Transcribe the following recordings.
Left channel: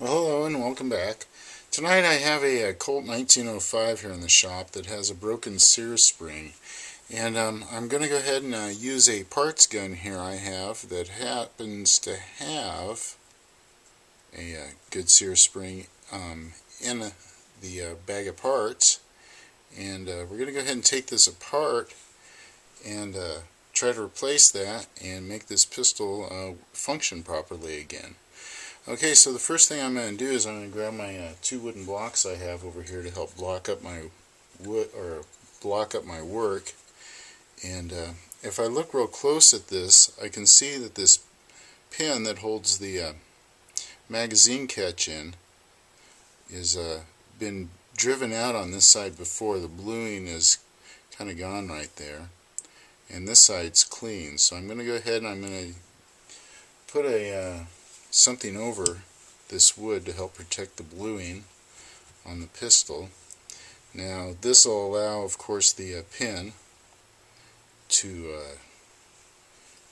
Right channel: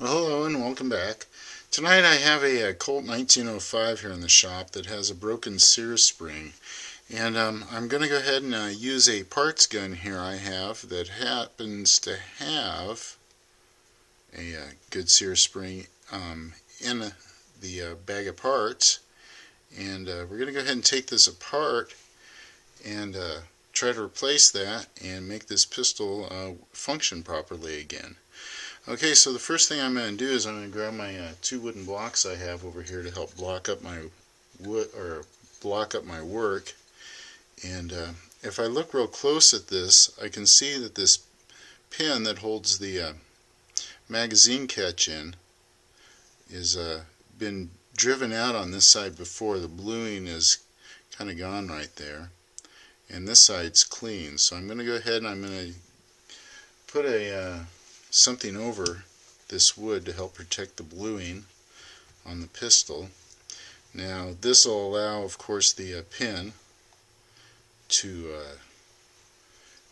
Well, hello and welcome back. Tonight I have a Colt 1905 here in the shop that has a broken Sear spring. And I'm going to go ahead and use a parts gun here I have that happens to have a good Sear spring in the bag of parts. And we're going to go ahead and take this apart and try to replace that and make this pistol function properly again. Okay, so the first thing I'm going to do is I'm going to grab my two wooden blocks I have over here to help block up my work. And if I look real close at this, I can see that this pin that holds the magazine catch in is been driven out on this side before. The bluing is kind of gone right there, and this side's clean. So I'm going to go ahead and I'm going to put a something over this wood to help protect the bluing on the pistol. Now this will allow, of course, the pin to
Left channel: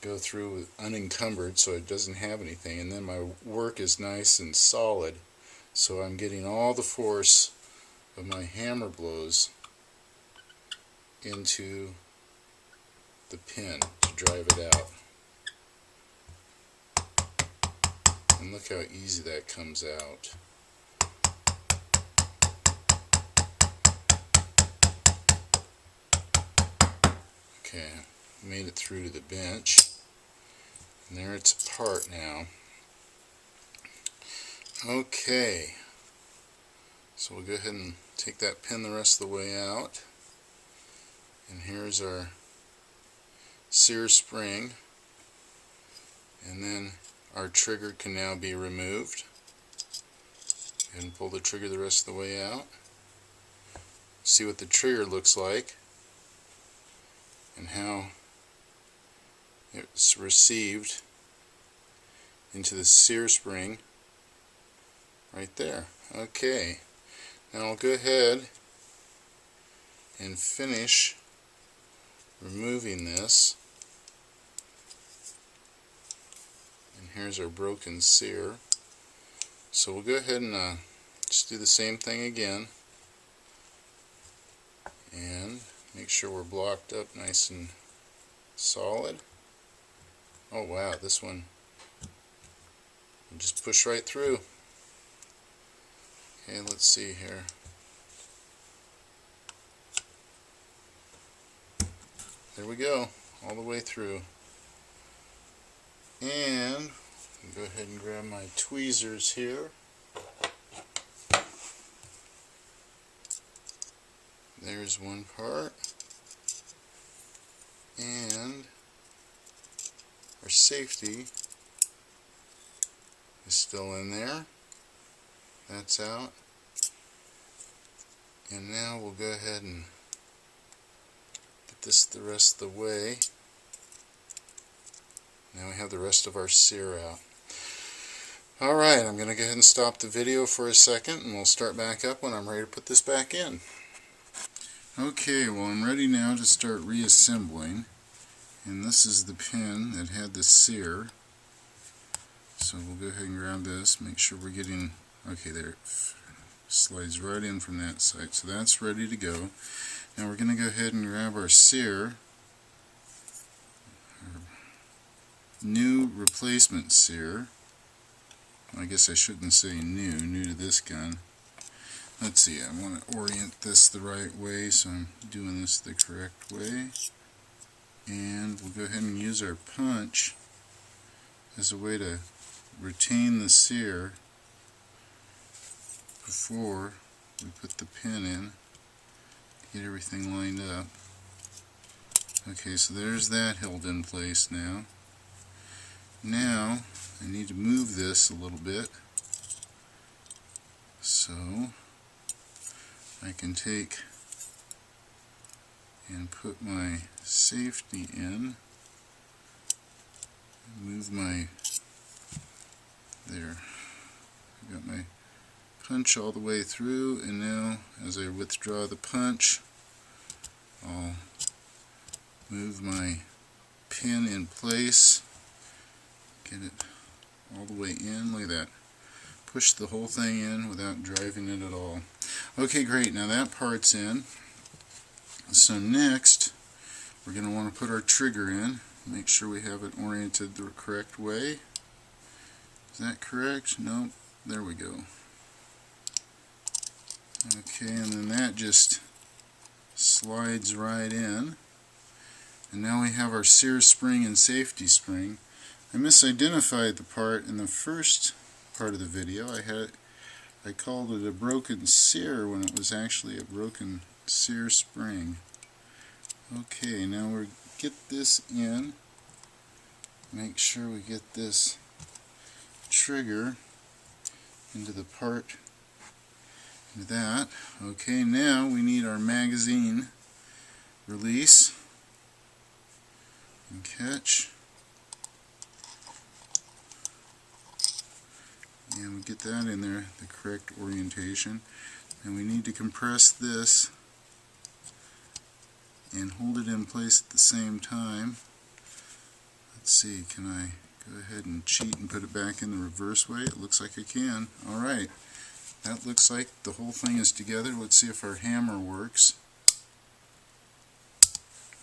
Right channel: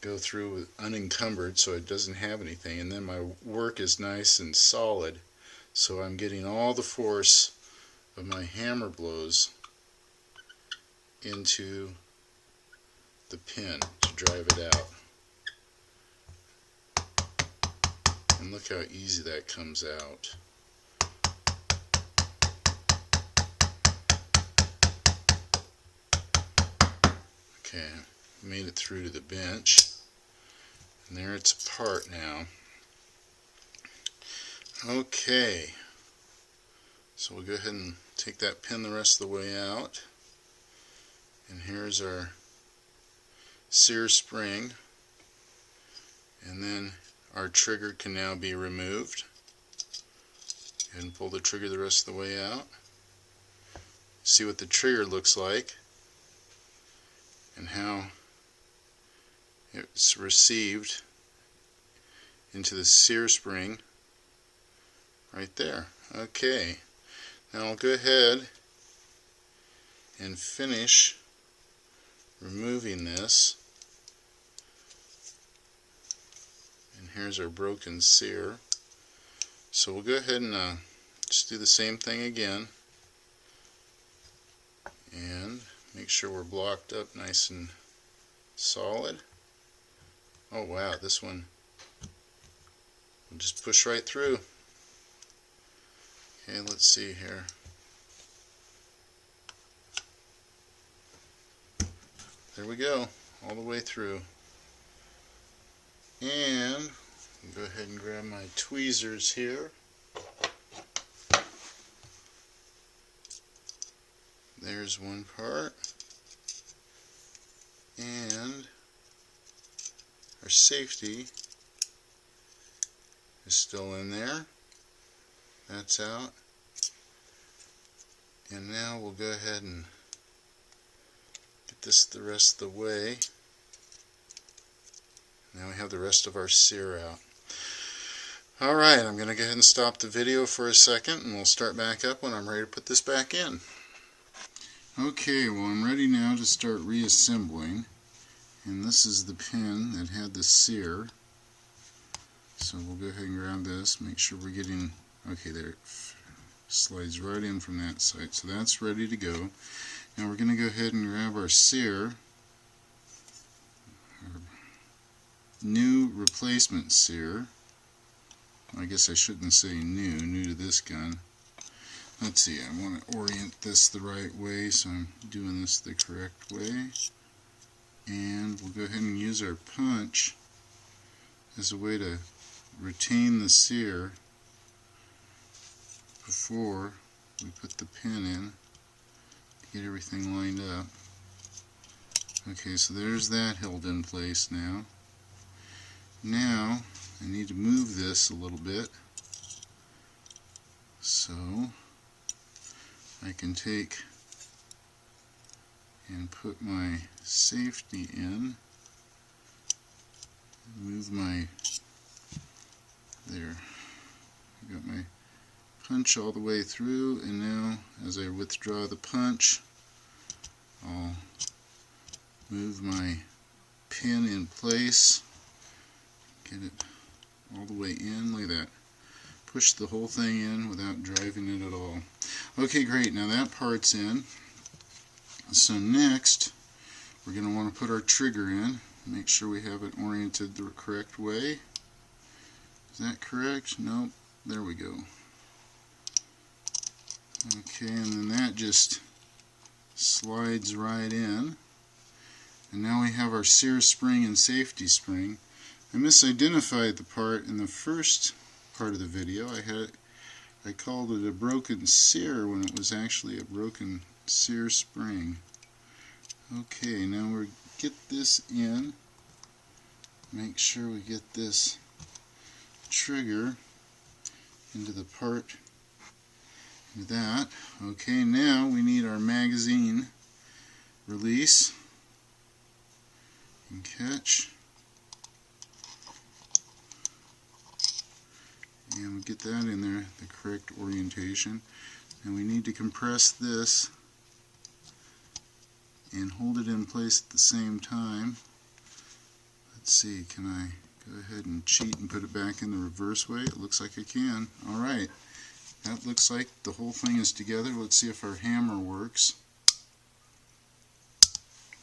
go through unencumbered so it doesn't have anything, and then my work is nice and solid, so I'm getting all the force of my hammer blows into the pin to drive it out. And look how easy that comes out. Okay, made it through to the bench. And there it's apart now. Okay, so we'll go ahead and take that pin the rest of the way out. And here's our Sear spring. And then our trigger can now be removed. And pull the trigger the rest of the way out. See what the trigger looks like and how it's received into the Sear spring right there. Okay, now I'll go ahead and finish removing this. And here's our broken Sear. So we'll go ahead and just do the same thing again and make sure we're blocked up nice and solid. Oh wow, this one will just push right through. Okay, let's see here. There we go, all the way through. And go ahead and grab my tweezers here. There's one part. And our safety is still in there. That's out. And now we'll go ahead and get this the rest of the way. Now we have the rest of our Sear out. Alright, I'm going to go ahead and stop the video for a second and we'll start back up when I'm ready to put this back in. Okay, well I'm ready now to start reassembling. And this is the pin that had the Sear. So we'll go ahead and grab this, make sure we're getting, okay, there it slides right in from that side. So that's ready to go. Now we're going to go ahead and grab our Sear. New replacement Sear. I guess I shouldn't say new to this gun. Let's see, I want to orient this the right way, so I'm doing this the correct way. And we'll go ahead and use our punch as a way to retain the Sear before we put the pin in to get everything lined up. Okay, so there's that held in place now. Now I need to move this a little bit so I can take and put my safety in, move my, there, I got my punch all the way through, and now as I withdraw the punch I'll move my pin in place, get it all the way in, look at that. push the whole thing in without driving it at all. Okay, great. Now that part's in. So next, we're going to want to put our trigger in. Make sure we have it oriented the correct way. Is that correct? Nope. There we go. Okay, and then that just slides right in. And now we have our Sear spring and safety spring. I misidentified the part in the first part of the video. I called it a broken Sear when it was actually a broken Sear spring. Okay, now we get this in. Make sure we get this trigger into the part into that. Okay, now we need our magazine release and catch. And we get that in there, the correct orientation. And we need to compress this and hold it in place at the same time. Let's see, can I go ahead and cheat and put it back in the reverse way? It looks like I can. Alright, that looks like the whole thing is together. Let's see if our hammer works.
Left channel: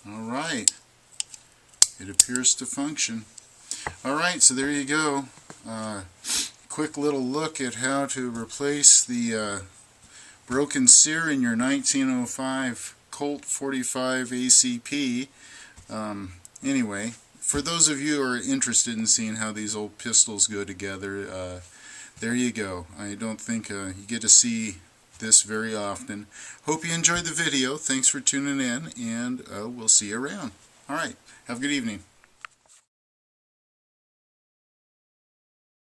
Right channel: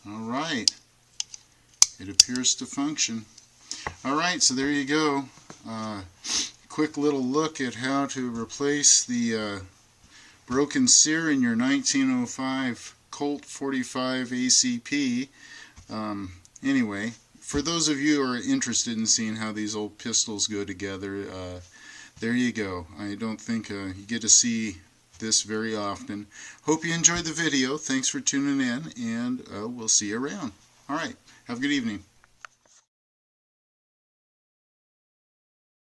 Alright, it appears to function. Alright, so there you go. Quick little look at how to replace the broken Sear in your 1905 Colt 45 ACP. Anyway, for those of you who are interested in seeing how these old pistols go together, there you go. I don't think you get to see this very often. Hope you enjoyed the video. Thanks for tuning in, and we'll see you around. Alright, have a good evening.